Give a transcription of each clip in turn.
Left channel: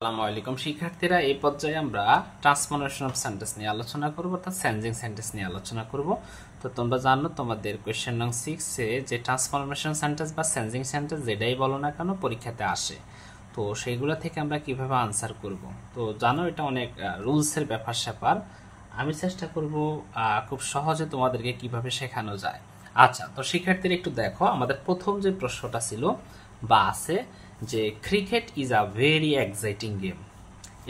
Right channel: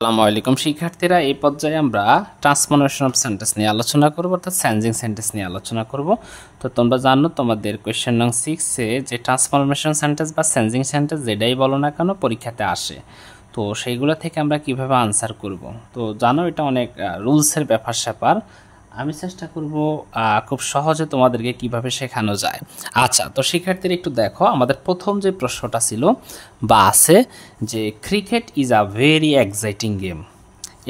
আসসালামু আলাইকুম শিক্ষার্থীরা, এই পর্যায়ে আমরা ট্রান্সফরমেশন অফ সেন্টেন্স নিয়ে আলোচনা করব, অর্থাৎ চেঞ্জিং সেন্টেন্স নিয়ে আলোচনা করব। তো তোমরা জানো তোমাদের কোয়েশ্চেন নং 6-এ যে ট্রান্সফরমেশন সেন্টেন্স বা চেঞ্জিং সেন্টেন্স যেটাই বলো না কেন পরীক্ষাতে আসে, তো সেইগুলো থেকে আমরা কিভাবে আনসার করব। তো জানো এটা অনেক রুলসের ব্যাপার স্যাপার, আমি চেষ্টা করব খুব সহজে তোমাদেরকে কিভাবে শেখানো যায়। আচ্ছা, তো শিক্ষার্থীরা একটু দেখো, আমাদের প্রথম যে প্রশ্নটা ছিল বা আছে যে cricket is a very exciting game,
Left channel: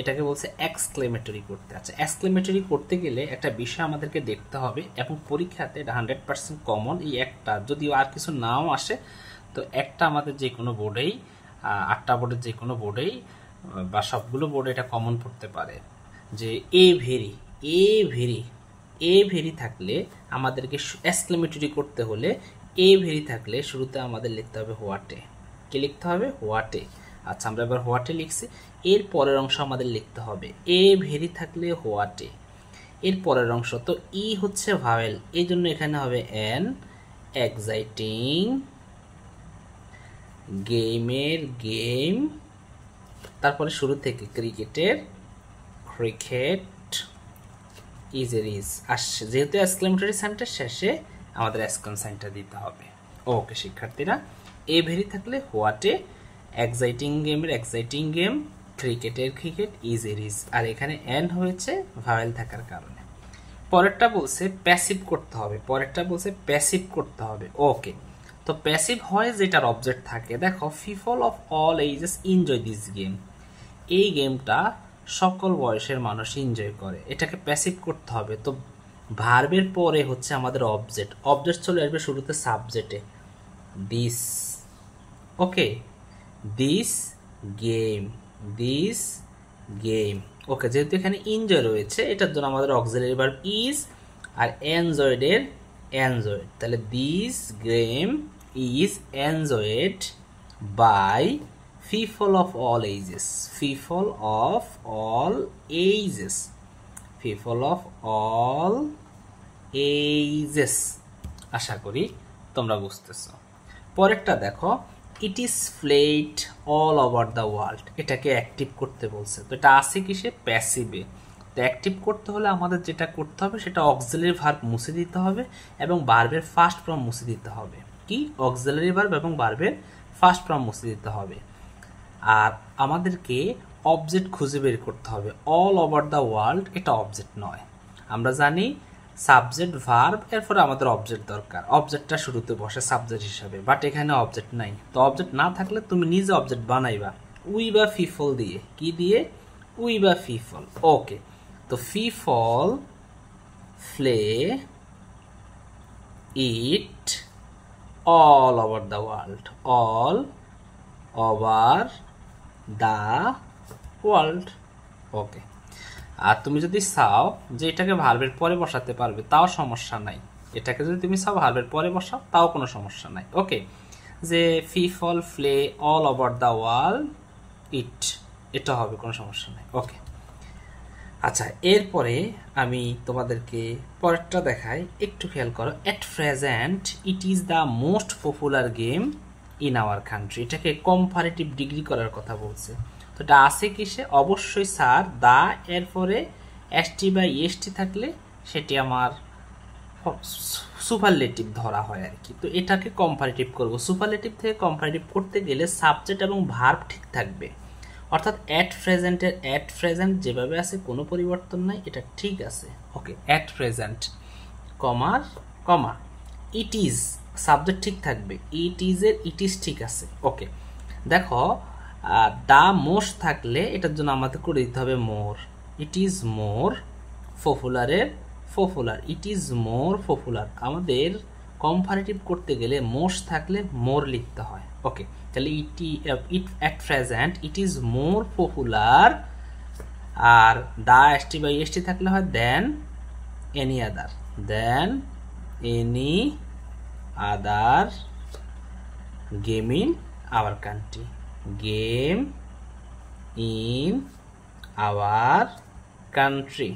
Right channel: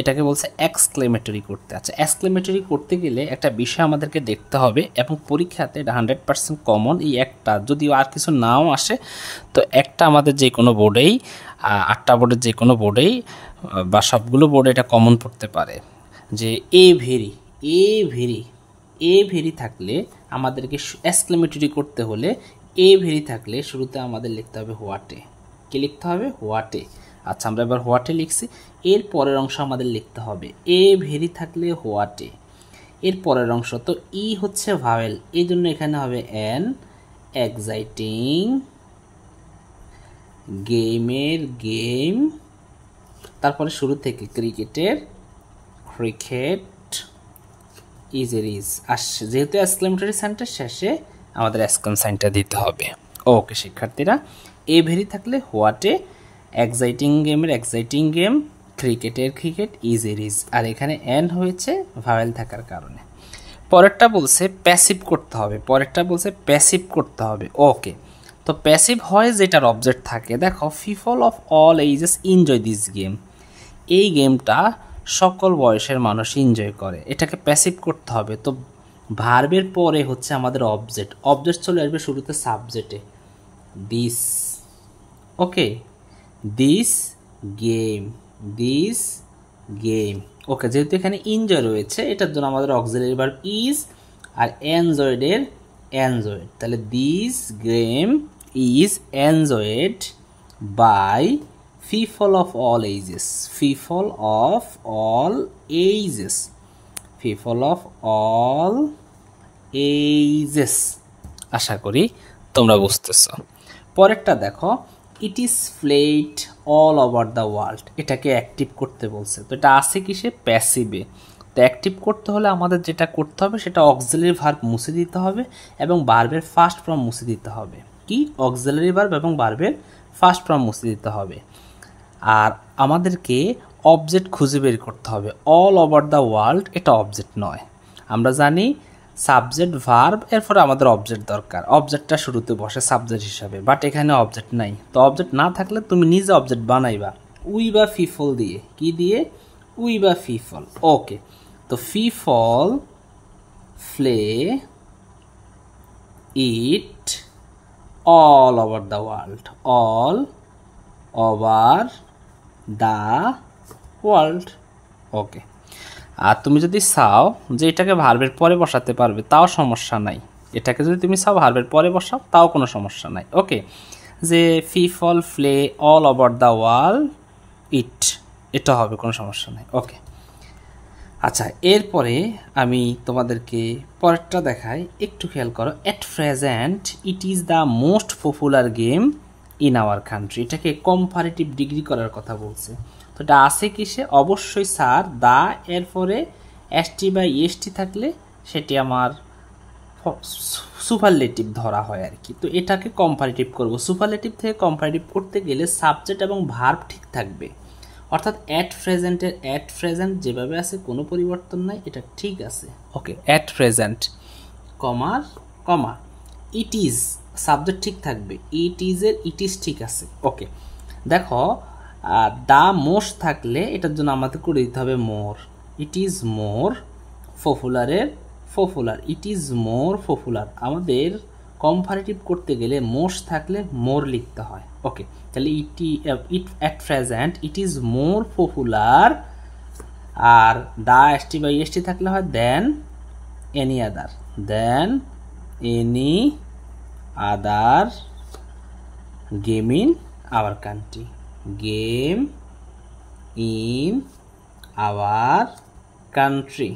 এটাকে বলছে এক্সক্লেমেটরি করতে। আচ্ছা, এক্সক্লেমেটরি করতে গেলে একটা বিষয় আমাদেরকে দেখতে হবে, এবং পরীক্ষাতে এটা 100% কমন। এই একটা, যদিও আর কিছু নাও আসে, তো একটা আমাদের যে কোনো বোর্ডেই, 8টা বোর্ডের যে কোনো বোর্ডেই বা সবগুলো বোর্ডে এটা কমন পড়তে পারে যে a very, a very, a very থাকলে আমাদেরকে এক্সক্লেমেটরি করতে হলে এ ভেরি থাকলে শুরুতে আমাদের লিখতে হবে হোয়াটে। কি লিখতে হবে? হোয়াটে। আচ্ছা, আমরা এবার হোয়াটে লিখছি, এর পরের অংশ আমাদের লিখতে হবে এ ভেরি থাকলে হোয়াটে, এর পরের অংশ। তো ই হচ্ছে ভাওয়েল, এই জন্য এখানে হবে এন এক্সাইটিং গেমের গেম, তারপরে শুরু থেকে ক্রিকেটের ক্রিকেট, ইজের ইজ আসছে, যেহেতু এক্সক্লেমেটরি সাইনটা শেষে আমাদের এক্সক্লেম সাইনটা দিতে হবে। ওকে শিক্ষার্থীরা, এ ভেরি থাকলে হোয়াটে, এক্সাইটিং গেমের এক্সাইটিং গেম, ক্রিকেটের ক্রিকেট, ইজের ইজ, আর এখানে এন হয়েছে ভাওয়েল থাকার কারণে। পরেরটা বলছে প্যাসিভ করতে হবে, পরেরটা বলছে প্যাসিভ করতে হবে। ওকে, তো প্যাসিভ হয় যেটার অবজেক্ট থাকে। দেখো, people of all ages enjoy this game, এই গেমটা সকল বয়সের মানুষ এনজয় করে, এটাকে প্যাসিভ করতে হবে। তো ভার্বের পরে হচ্ছে আমাদের অবজেক্ট, অবজেক্ট চলে আসবে শুরুতে সাবজেক্টে, this. Okay, this game, this game. Okay, যেহেতু এখানে এনজয় রয়েছে, এটার জন্য আমাদের অক্সিলারি ভার্ব ইজ, আর এনজয়েডের এনজয়েড, তাহলে this game is enjoyed by people of all ages, people of all ages, people of all ages। আশা করি তোমরা বুঝতেছ। পরেরটা দেখো, it is played all over the world, এটাকে অ্যাক্টিভ করতে বলছে। তো এটা আছে কিসে? প্যাসিভে। তো অ্যাক্টিভ করতে হলে আমাদের যেটা করতে হবে সেটা অক্সিলারি ভার্ব মুছে দিতে হবে এবং ভার্বের ফার্স্ট ফর্ম মুছে দিতে হবে। কি? অক্সিলারি ভার্ব এবং ভার্বের ফার্স্ট ফর্ম মুছে দিতে হবে। আর আমাদেরকে অবজেক্ট খুঁজে বের করতে হবে। অল ওভার দ্য ওয়ার্ল্ড এটা অবজেক্ট নয়, আমরা জানি সাবজেক্ট ভার্ব, এরপরে আমাদের অবজেক্ট দরকার, অবজেক্টটা শুরুতে বসে সাবজেক্ট হিসাবে, বাট এখানে অবজেক্ট নাই। তো অবজেক্ট না থাকলে তুমি নিজে অবজেক্ট বানাইবা, উই বা ফিফল দিয়ে। কি দিয়ে? উই বা ফিফল। ওকে, তো people play it all over the world, all over the world. Okay, আর তুমি যদি চাও যে এটাকে ভার্বের পরে বসাতে পারবে, তাও সমস্যা নাই। এটাকে যদি তুমি চাও ভার্বের পরে বসাও, তাও কোনো সমস্যা নাই। ওকে, যে people play all over the world it, এটা হবে, কোনো সমস্যা নাই। ওকে, আচ্ছা, এরপরে আমি তোমাদেরকে পরেরটা দেখাই, একটু খেয়াল করো। At present it is the most popular game in our country, এটাকে কম্পারেটিভ ডিগ্রি করার কথা বলছে। তো এটা আছে কিসে? অবশ্যই স্যার, দা এরপরে এসটি বা ইএসটি থাকলে সেটি আমার সুপারলেটিভ ধরা হয় আর কি। তো এটাকে কম্পারেটিভ করব। সুপারলেটিভ থেকে কম্পারেটিভ করতে গেলে সাবজেক্ট এবং ভার্ব ঠিক থাকবে, অর্থাৎ অ্যাট প্রেজেন্টের অ্যাট প্রেজেন্ট যেভাবে আছে কোনো পরিবর্তন নাই, এটা ঠিক আছে। ওকে, অ্যাট প্রেজেন্ট কমার কমা ইট ইজ, সাবজেক্ট ঠিক থাকবে, ইট ইজের ইট ইজ ঠিক আছে। ওকে, দেখো, দ্য মোস্ট থাকলে এটার জন্য আমাদের করে দিতে হবে মোর, ইট ইজ মোর। পপুলারের popular, it is more popular. আমাদের কম্পারেটিভ করতে গেলে মোস্ট থাকলে মোর লিখতে হয়। ওকে, তাহলে it at present it is more popular, আর দা এসটি বা ইএসটি থাকলে হয় than any other, than any other game in our country, game in our country.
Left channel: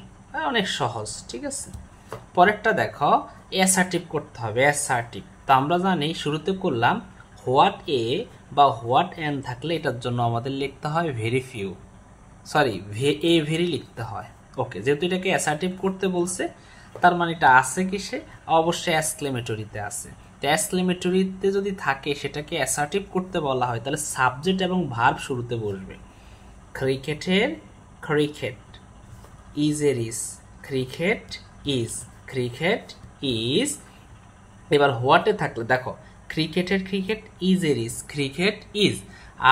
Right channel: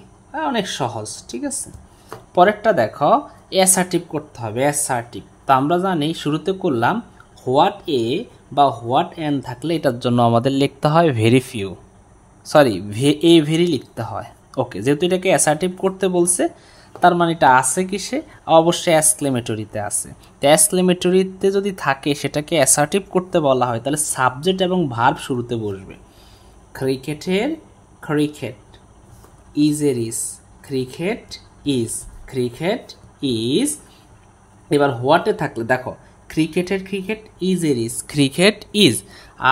অনেক সহজ, ঠিক আছে। পরেরটা দেখো, অ্যাসার্টিভ করতে হবে, অ্যাসার্টিভ। তো আমরা জানি শুরুতে করলাম হোয়াট এ বা হোয়াট এন থাকলে এটার জন্য আমাদের লিখতে হয় very few, sorry a very লিখতে হয়। ওকে, যেহেতু এটাকে অ্যাসার্টিভ করতে বলছে তার মানে এটা আছে কিসে? অবশ্যই এক্সক্লেমেটরিতে আছে। তো এক্সক্লেমেটরিতে যদি থাকে সেটাকে অ্যাসার্টিভ করতে বলা হয় তাহলে সাবজেক্ট এবং ভার্ব শুরুতে বসবে। ক্রিকেটের ক্রিকেট, ইজের is, cricket is, cricket is. এবার হোয়াটে থাকলে দেখো ক্রিকেটের ক্রিকেট, ইজের ইজ, ক্রিকেট ইজ।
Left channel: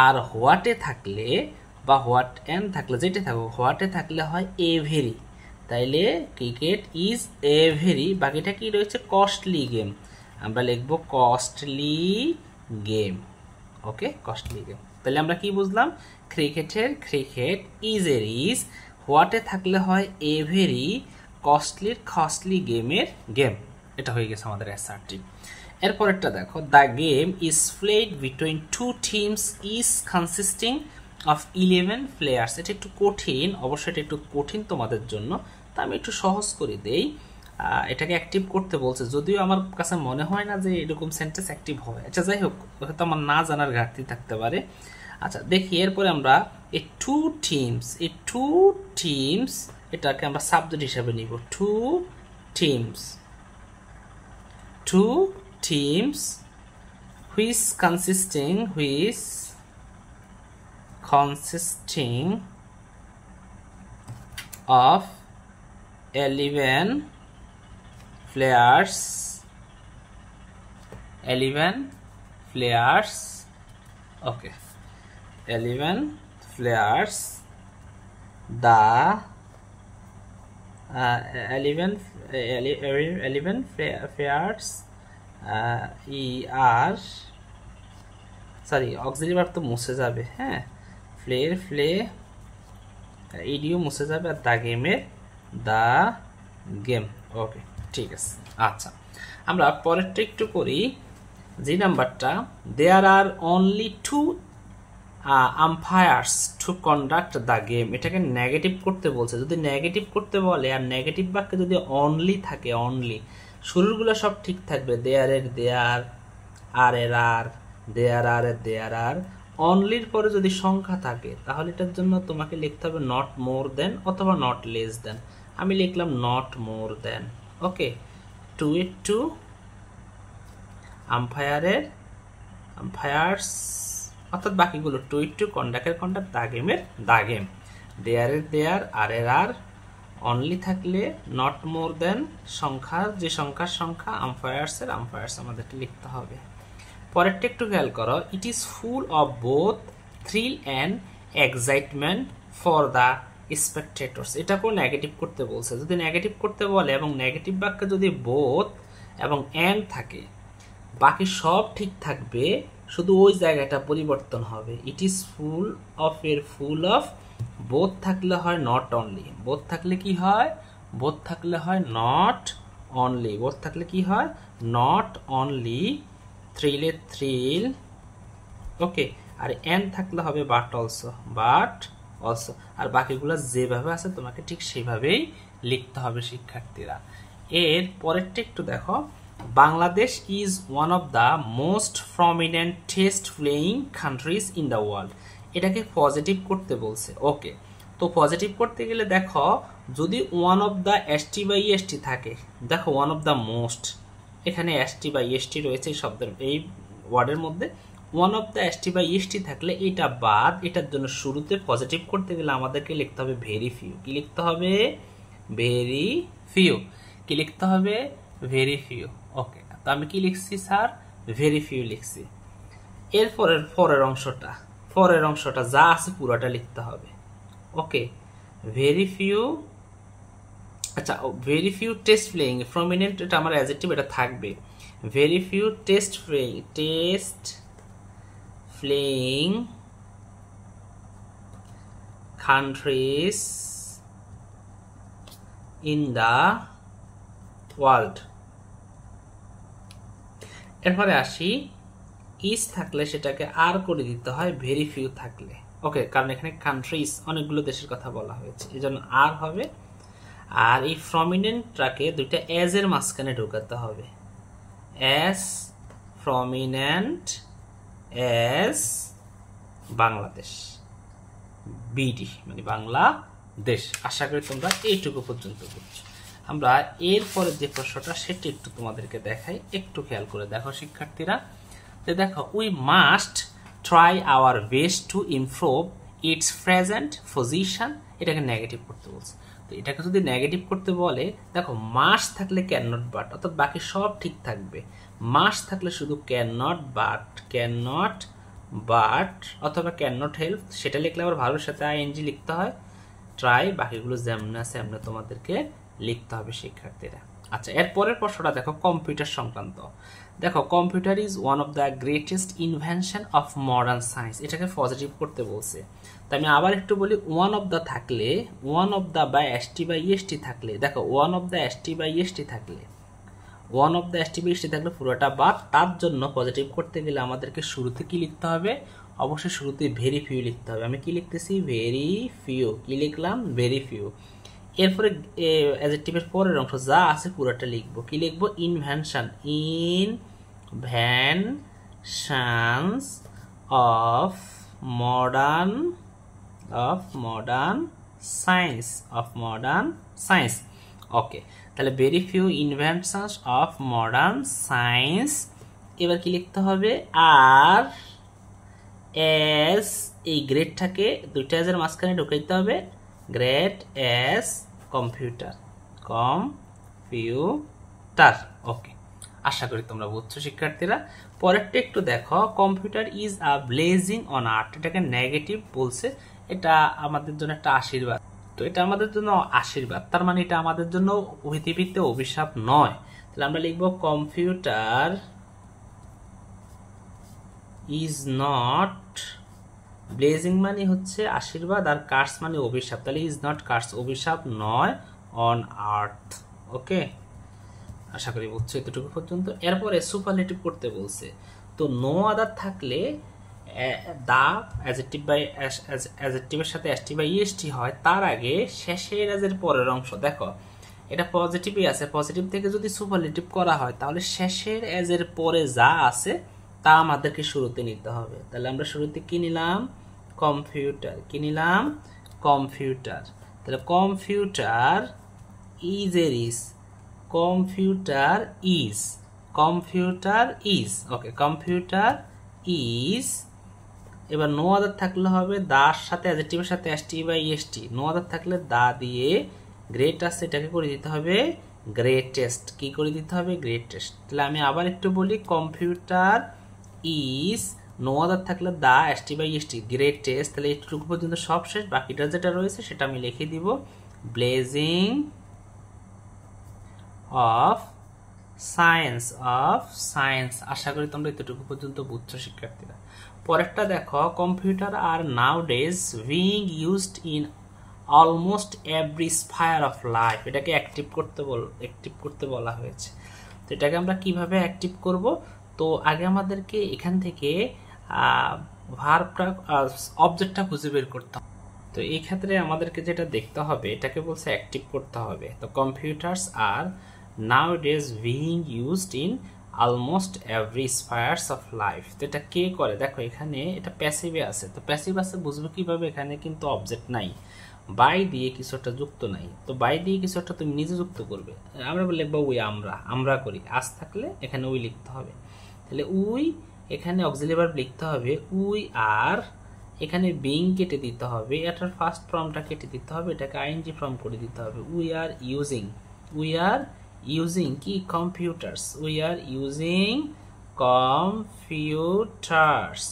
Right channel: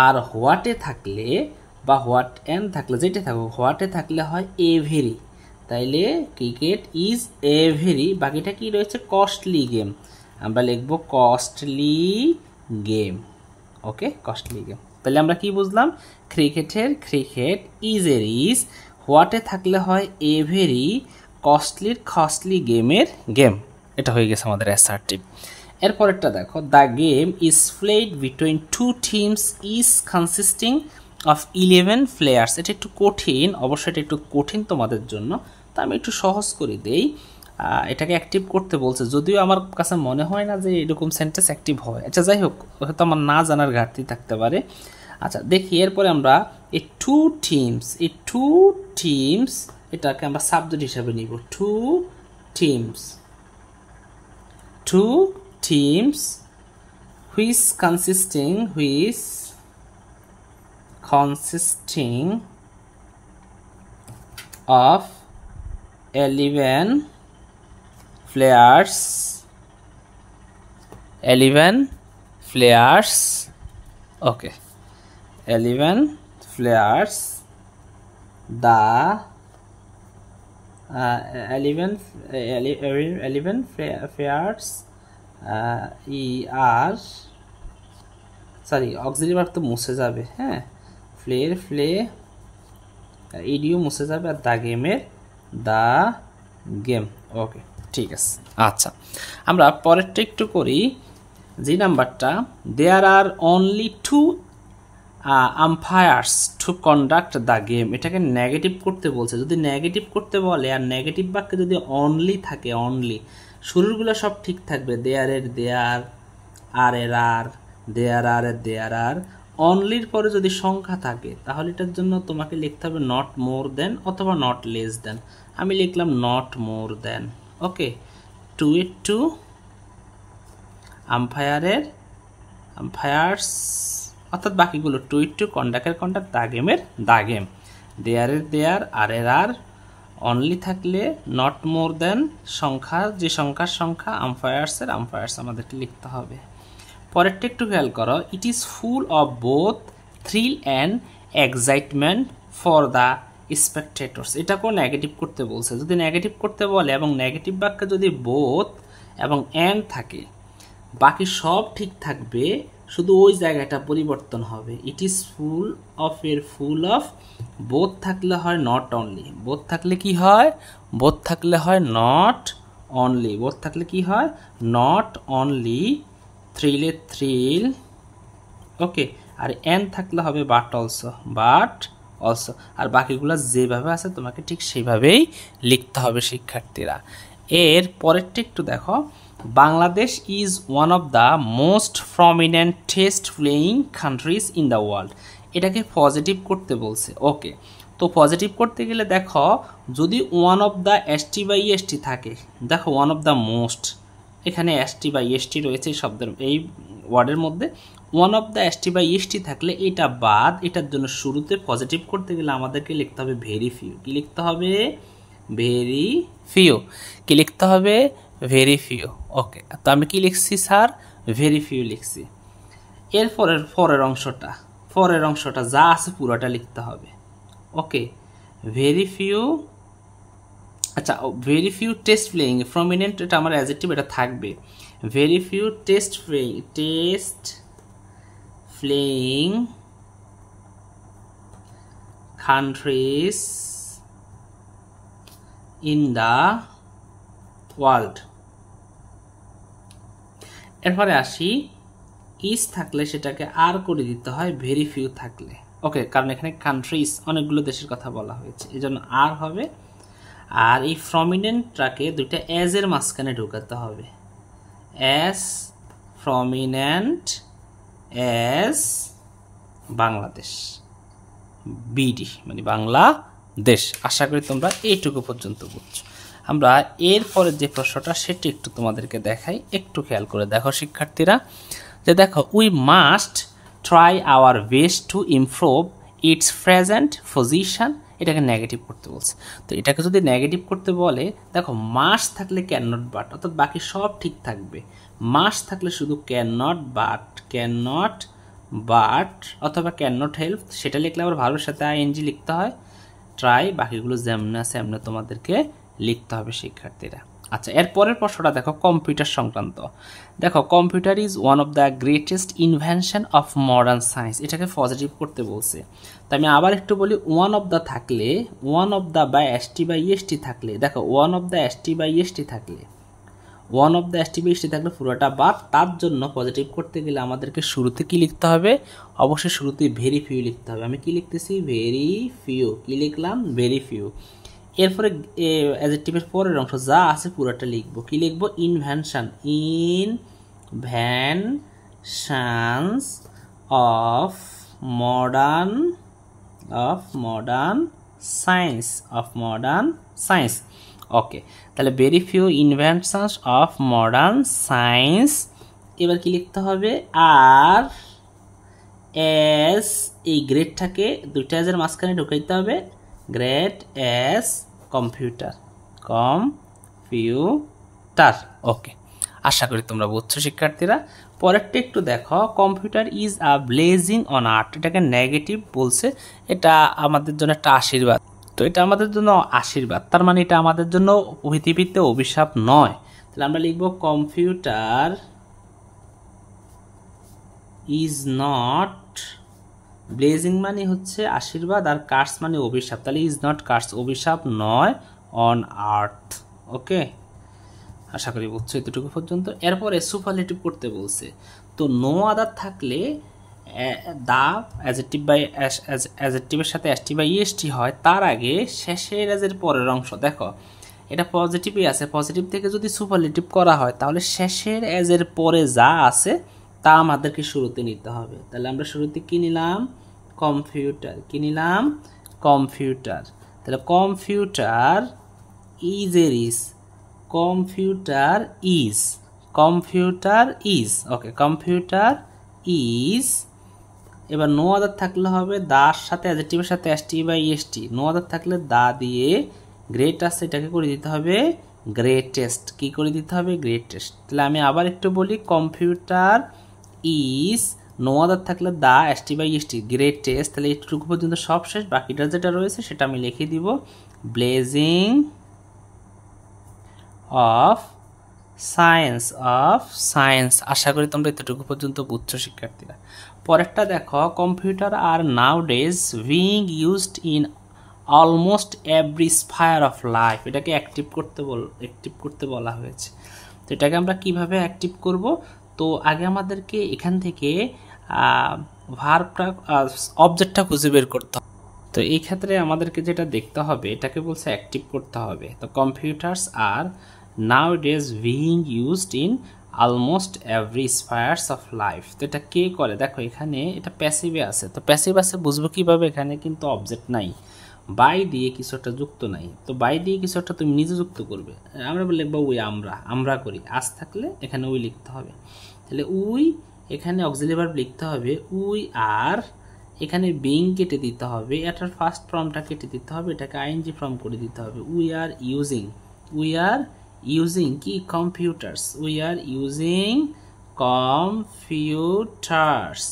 আর হোয়াটে থাকলে বা হোয়াট এন থাকলে যেটা থাকুক, হোয়াটে থাকলে হয় এভেরি। তাইলে ক্রিকেট ইজ এভেরি, বাকিটা কি রয়েছে? Costly game. আমরা লিখবো কস্টলি গেম। ওকে, কস্টলি গেম। তাহলে আমরা কি বুঝলাম? ক্রিকেটের ক্রিকেট, ইজের ইজ, হোয়াটে থাকলে হয় এভেরি, কস্টলি গেমের গেম। এটা হয়ে গেছে আমাদের অ্যাসার্টিভ। এরপরেরটা দেখো, the game is played between two teams is consisting of 11 players. এটা একটু কঠিন, অবশ্যই এটা একটু কঠিন তোমাদের জন্য, তা আমি একটু সহজ করে দেই। এটাকে অ্যাক্টিভ করতে বলছে, যদিও আমার কাছে মনে হয় না যে এরকম সেন্টেন্স অ্যাক্টিভ হয়। আচ্ছা যাই হোক, হয়তো আমার না জানার ঘাটতি থাকতে পারে। আচ্ছা দেখি, এরপরে আমরা এই টু টিমস এটাকে আমরা সাবজেক্ট হিসেবে নিব। Two teams which consisting of 11 players, okay, 11 players, the 11 players sorry auxiliary verb তো মুছে যাবে, হ্যাঁ, ইডিও মুছে যাবে, আর দ্য গেম। ওকে, ঠিক আছে। আচ্ছা, আমরা পরেরটা একটু করি। যে নাম্বারটা, there are only 2 umpires to conduct the game, এটাকে নেগেটিভ করতে বলছে। যদি নেগেটিভ করতে বলে আর নেগেটিভ বাক্যে যদি অনলি থাকে, অনলি, শুরুরগুলো সব ঠিক থাকবে, দেয়ারের দেয়ার, আর এর আর, দেয়ার আর এর দেয়ার আর। অনলির পরে যদি সংখ্যা থাকে তাহলে এটার জন্য তোমাকে লিখতে হবে নট মোর দেন অথবা নট লেস দেন। আমি লিখলাম not more then. Okay, 2 umpires, অর্থাৎ বাকিগুলো 2 কন্ডাক্টের কন্ডাক্ট, দা গেমের দা গেম, দেয়ারের দেয়ার, আর এর আর, অনলি থাকলে নট মোর দেন সংখ্যা, যে সংখ্যার সংখ্যা, আম্পায়ার্সের আম্পায়ার্স আমাদেরকে লিখতে হবে। পরেরটা একটু খেয়াল করো, it is full of both thrill and excitement for the spectators. এটাকেও নেগেটিভ করতে বলছে। যদি নেগেটিভ করতে বলে এবং নেগেটিভ বাক্যে যদি বোথ এবং অ্যান্ড থাকে, বাকি সব ঠিক থাকবে, শুধু ওই জায়গাটা পরিবর্তন হবে। ইট ইজ ফুল অফ এর ফুল অফ, বোথ থাকলে হয় নট অনলি, বোথ থাকলে কি হয়? বোথ থাকলে হয় নট অনলি, বোথ থাকলে কি হয়? নট অনলি, থ্রিলের থ্রিল, ওকে, আর এন থাকলে হবে বাট অলসো, আর বাকিগুলো যেভাবে আছে তোমাকে ঠিক সেইভাবেই লিখতে হবে শিক্ষার্থীরা। এর পরেরটা একটু দেখো, Bangladesh is one of the most prominent test playing countries in the world. এটাকে পজিটিভ করতে বলছে। ওকে, তো পজিটিভ করতে গেলে দেখো, যদি one of the ST by ST থাকে, দেখো ওয়ান অফ দ্য মোস্ট, এখানে এসটি বাই এসটি রয়েছে শব্দের এই ওয়ার্ডের মধ্যে, one of the ST by ST থাকলে এটা বাদ, এটার জন্য শুরুতে পজিটিভ করতে গেলে আমাদেরকে লিখতে হবে ভেরি ফিউ। কি লিখতে হবে? Very few. কি লিখতে হবে? Very few. ওকে, তো আমি কি লিখছি স্যার? ভেরি ফিউ লিখছি। পরের অংশটা যা আছে পুরোটা লিখতে হবে। ওকে, ভেরি ফিউ। আচ্ছা, very few test playing, prominent এটা আমার অ্যাডজেক্টিভ, এটা থাকবে। Very few test playing countries in the world। এরপরে আসি, ইজ থাকলে সেটাকে আর করে দিতে হয় ভেরি ফিউ থাকলে। ওকে, কারণ এখানে কান্ট্রিজ অনেকগুলো দেশের কথা বলা হয়েছে, এই জন্য আর হবে। আর এই প্রমিনেন্টটাকে দুইটা এজ এর মাঝখানে ঢোকাতে হবে। As prominent as Bangladesh, BD মানে বাংলাদেশ। আশা করি তোমরা এইটুকু পর্যন্ত বুঝছো। আমরা এরপরে যে প্রশ্নটা সেটি একটু তোমাদেরকে দেখাই, একটু খেয়াল করে দেখো শিক্ষার্থীরা, যে দেখো we must try our best to improve it's present position, এটাকে নেগেটিভ করতে বলছে। তো এটাকে যদি নেগেটিভ করতে বলে, দেখো মাস্ট থাকলে ক্যান নট বাট, অর্থাৎ বাকি সব ঠিক থাকবে। মাস্ট থাকলে শুধু ক্যান নট বাট অথবা ক্যান নট হেল্প, সেটা লিখলে আবার ভালোর সাথে আইএনজি লিখতে হয়। ট্রাই, বাকিগুলো যেমন আছে এমনি তোমাদেরকে লিখতে হবে শিক্ষার্থীরা। আচ্ছা, এর পরের প্রশ্নটা দেখো কম্পিউটার সংক্রান্ত। দেখো computer is one of the greatest invention of modern science, এটাকে পজিটিভ করতে বলছে। তো আমি আবার একটু বলি, ওয়ান অফ দ্য থাকলে, ওয়ান অফ দ্য বা এসটি বা ইএসটি থাকলে, দেখো ওয়ান অফ দ্য এসটি বা ইএসটি থাকলে, ওয়ান অফ দ্য এসটি বা ইএসটি থাকলে পুরোটা বাদ। তার জন্য পজিটিভ করতে গেলে আমাদেরকে শুরুতে কি লিখতে হবে? অবশ্যই শুরুতে ভেরি ফিউ লিখতে হবে। আমি কি লিখতেছি? Very few. কি লিখলাম? Very few. এরপরে অ্যাডজেক্টিভের পরের অংশ যা আছে পুরোটা লিখবো। কি লিখবো? Invention, inventions of modern science. Okay, তাহলে very few inventions of modern science. এবার কি লিখতে হবে? আর এস, এই গ্রেডটাকে দুইটা এজের মাঝখানে ঢুকে দিতে হবে। Great as computer. ওকে, আশা করি তোমরা বুঝছো শিক্ষার্থীরা। পরেরটা একটু দেখো, computer is a blessing on art, এটাকে নেগেটিভ বলছে। এটা আমাদের জন্য একটা আশীর্বাদ। তো এটা আমাদের জন্য আশীর্বাদ, তার মানে এটা আমাদের জন্য পৃথিবীতে অভিশাপ নয়। তাহলে আমরা লিখবো কম্পিউটার ইজ নট, ব্লেজিং মানে হচ্ছে আশীর্বাদ আর কার্স মানে অভিশাপ, তাহলে ইজ নট কার্স, অভিশাপ নয়, অন আর্থ। ওকে, আশা করি বুঝছো এতটুকু পর্যন্ত। এরপরে সুপারলেটিভ করতে বলছে। তো নো আদার থাকলে দা অ্যাডজেক্টিভের সাথে এসটি বা ইএসটি হয়, তার আগে শেষের এজের পরের অংশ। দেখো এটা পজিটিভই আছে, পজিটিভ থেকে যদি সুপারলেটিভ করা হয় তাহলে শেষের এজের পরে যা আছে তা আমাদেরকে শুরুতে নিতে হবে। তাহলে আমরা শুরুতে কি নিলাম? কম্পিউটার। কি নিলাম? কম্পিউটার। তাহলে কম্পিউটার ইজ এর is, computer is, okay, computer is. এবার নো আদার থাকলে হবে দার সাথে অ্যাডজেক্টিভের সাথে এসটি বা ইএসটি। নো আদার থাকলে দা দিয়ে গ্রেট আছে, এটাকে করে দিতে হবে গ্রেটেস্ট। কি করে দিতে হবে? গ্রেটেস্ট। তাহলে আমি আবার একটু বলি, কম্পিউটার ইজ, নো আদার থাকলে দা এসটি বা ইএসটি, গ্রেটেস্ট। তাহলে এইটুকু পর্যন্ত সব শেষ। বাকিটা যেটা রয়েছে সেটা আমি লিখে দিব, ব্লেজিং অফ সায়েন্স। আশা করি তোমরা এতটুকু পর্যন্ত বুঝছো শিক্ষার্থীরা। পরেরটা দেখো, computer are nowadays being used in almost every sphere of life, এটাকে অ্যাক্টিভ করতে বলা হয়েছে। তো এটাকে আমরা কিভাবে অ্যাক্টিভ করব? তো আগে আমাদেরকে এখান থেকে ভার্বটা, অবজেক্টটা খুঁজে বের করতে হবে। তো এই ক্ষেত্রে আমাদেরকে যেটা দেখতে হবে, এটাকে বলছে অ্যাক্টিভ করতে হবে। তো computers R nowadays being used in almost every spheres of life। তো এটা কে করে? দেখো এখানে এটা প্যাসিভে আছে। তো প্যাসিভ আছে বুঝবো কিভাবে? এখানে কিন্তু অবজেক্ট নাই, বাই দিয়ে কিছু একটা যুক্ত নাই। তো বাই দিয়ে কিছু একটা তুমি নিজে যুক্ত করবে। আমরা লিখবো উই, আমরা করি। আজ থাকলে এখানে উই লিখতে হবে। তাহলে উই, এখানে অক্সিলারি ভার্ব লিখতে হবে উই আর, এখানে বিং কেটে দিতে হবে, এটার ফার্স্ট ফর্মটা কেটে দিতে হবে, এটাকে আইএনজি ফর্ম করে দিতে হবে। উই আর ইউজিং কি? Computers. We are using computers.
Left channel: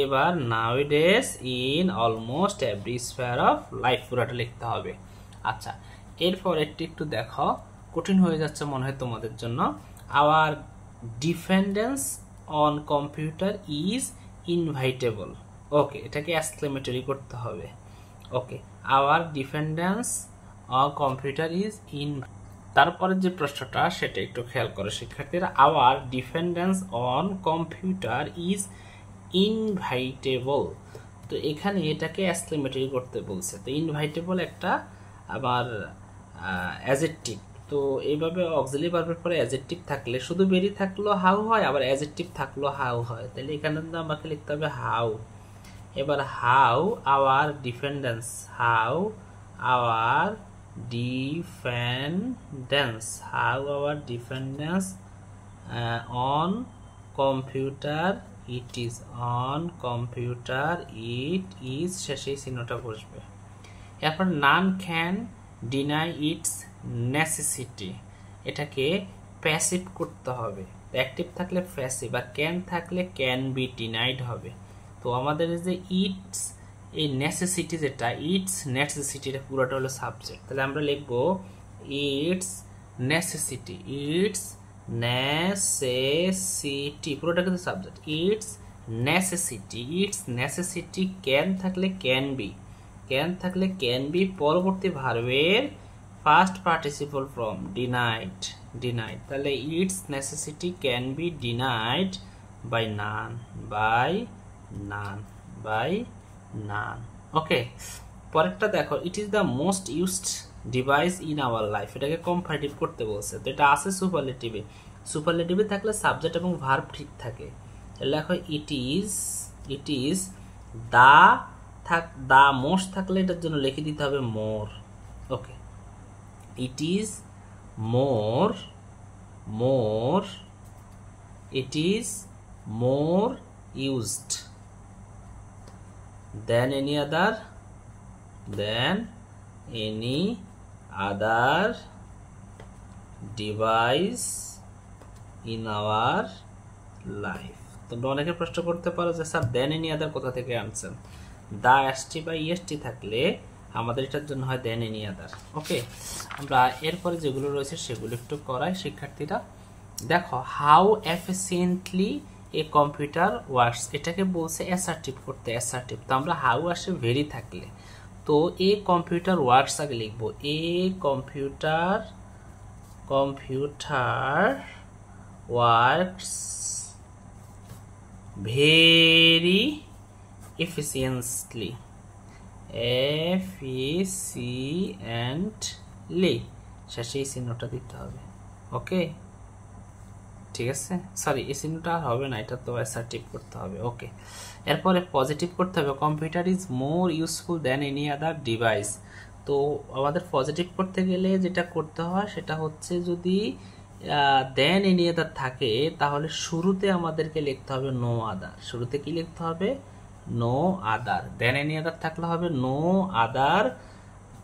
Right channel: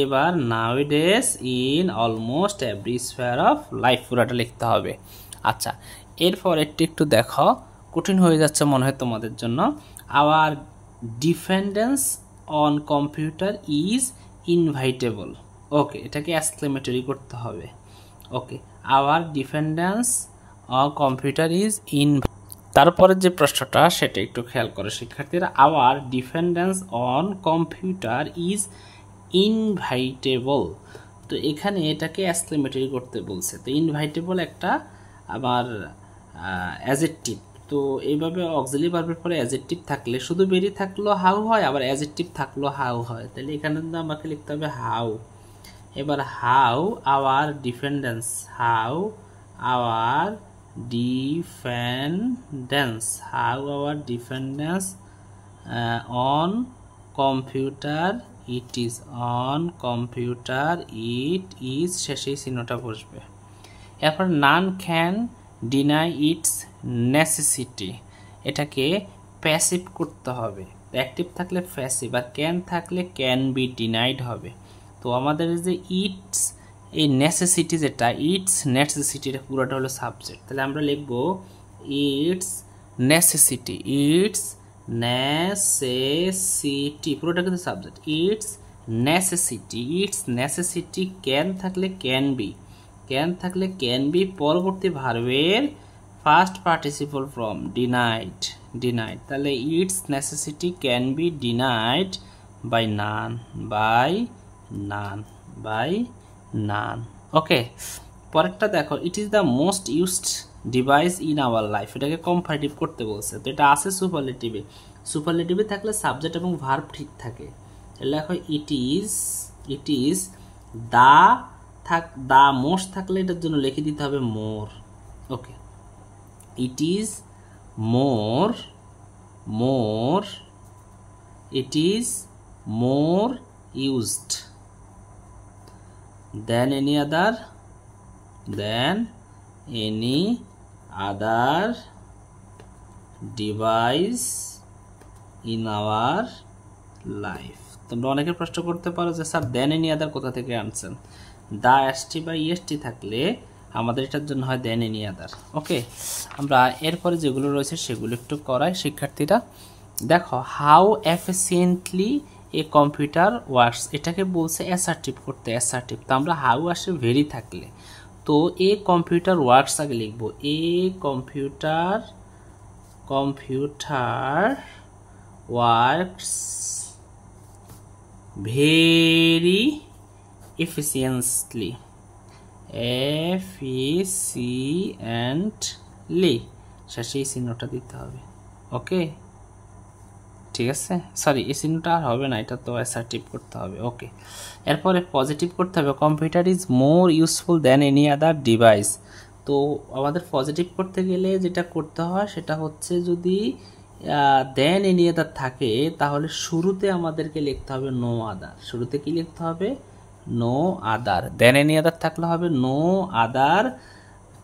এবার nowadays in almost every sphere of life, পুরাটা লিখতে হবে। আচ্ছা, এরপর একটু দেখো, কঠিন হয়ে যাচ্ছে মনে হয় তোমাদের জন্য। Our dependence on computer is inevitable. Okay, এটাকে এক্সক্লেমেটরি করতে হবে। Okay, our dependence on computer is তারপরে যে প্রশ্নটা সেটা একটু খেয়াল করো শিক্ষার্থীরা। Our dependence on computer is inevitable. তো এখানে এটাকে এক্সক্লেমেটরি করতে বলছে। তো ইনভাইটেবল একটা আবার অ্যাডজেক্টিভ। তো এইভাবে অক্সিলারি ভার্বের পরে অ্যাডজেক্টিভ থাকলে শুধু বেরি থাকলেও হাউ হয়, আবার অ্যাডজেক্টিভ থাকলেও হাউ হয়। তাহলে এখানে আমাকে লিখতে হবে হাউ। এবার how hour dependence, how hour dependence, how hour dependence on computer it is, on computer it is, শেষেই চিহ্নটা বসবে। এরপর none can deny it's necessity, এটাকে প্যাসিভ করতে হবে, অ্যাক্টিভ থাকলে প্যাসিভ আর ক্যান থাকলে ক্যান বি ডিনাইড হবে। তো আমাদের যে ইটস, এই নেসেসিটি যেটা, ইটস নেসেসিটি, এটা পুরোটা হলো সাবজেক্ট, তাহলে আমরা লিখবো ইটস নেসেসিটি, ইটস নেসেসিটি, পুরোটা কিন্তু subject, it's necessity, it's necessity, can থাকলে ক্যান বি, ক্যান থাকলে ক্যান বি, পরবর্তী ভার্বের first participle form denied, denied, তাহলে it's necessity can be denied by none, by none, by none. Okay, পরেরটা দেখো, it is the most used device in our life, এটাকে comparative করতে বলছে, তো এটা আছে সুপারলেটিভে, সুপারলেটিভে থাকলে সাবজেক্ট এবং ভার্ব ঠিক থাকে, লেখো it is, it is the, থাক দা মোস্ট থাকলে এটার জন্য লিখে দিতে হবে more. Okay, it is more, more, it is more used than any other, than any other device in our life. তোমরা অনেকে প্রশ্ন করতে পারো যে স্যার দেন এনি আদার কোথা থেকে আনছেন, দা এসটি বা ইএসটি থাকলে আমাদের এটার জন্য হয় দেন এনি আদার। ওকে, আমরা এরপরে যেগুলো রয়েছে সেগুলো একটু করাই শিক্ষার্থীরা। দেখো, how efficiently a computer works, এটাকে বলছে অ্যাসার্টিভ করতে, অ্যাসার্টিভ, তো আমরা হাউ আসে ভেরি থাকলে, তো এ কম্পিউটার ওয়ার্কস আগে লিখবো, a computer, computer works very efficiently, efficiently, শেষে এই চিহ্নটা দিতে হবে। ওকে, ঠিক আছে, সরি এই চিহ্নটা আর হবে না, এটা তো অ্যাসার্টিভ করতে হবে। ওকে, এরপরে পজিটিভ করতে হবে, computer is more useful than any other device, তো আমাদের পজিটিভ করতে গেলে যেটা করতে হয় সেটা হচ্ছে যদি দেন এনি আদার থাকে তাহলে শুরুতে আমাদেরকে লিখতে হবে নো আদার, শুরুতে কি লিখতে হবে, নো আদার, দেন এনি আদার থাকলে হবে নো আদার,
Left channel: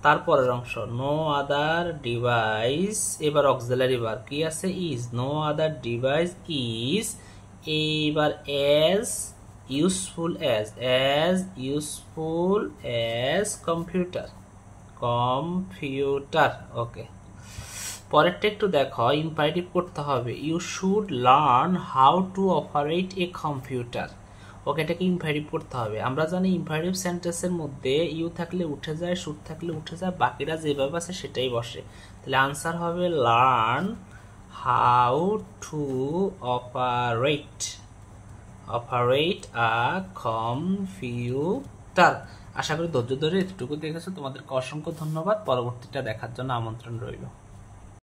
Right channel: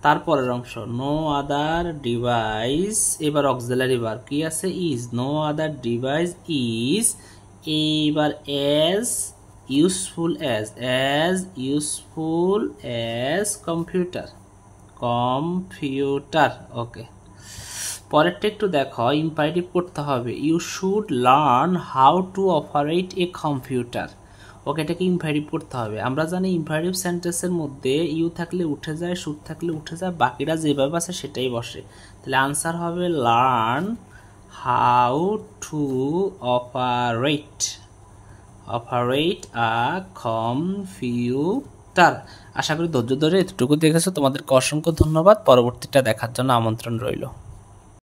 তারপরের অংশ নো আদার ডিভাইস, এবার অক্সিলারি ভার্ব কি আছে, is, no other device is, এবার as useful as useful as computer, computer. Okay, পরেরটা একটু দেখো, ইম্পারেটিভ করতে হবে, you should learn how to operate a computer. Okay, এটাকে ইম্পারেটিভ করতে হবে, আমরা জানি ইম্পারেটিভ সেন্টেন্সের মধ্যে ইউ থাকলে উঠে যায়, শুড থাকলে উঠে যায়, বাকিটা যেভাবে আছে সেটাই বসে, তাহলে আনসার হবে learn how to operate, operate a computer. আশা করি ধৈর্য ধরে এতটুকু দেখেছো, তোমাদেরকে অসংখ্য ধন্যবাদ, পরবর্তীটা দেখার জন্য আমন্ত্রণ রইল।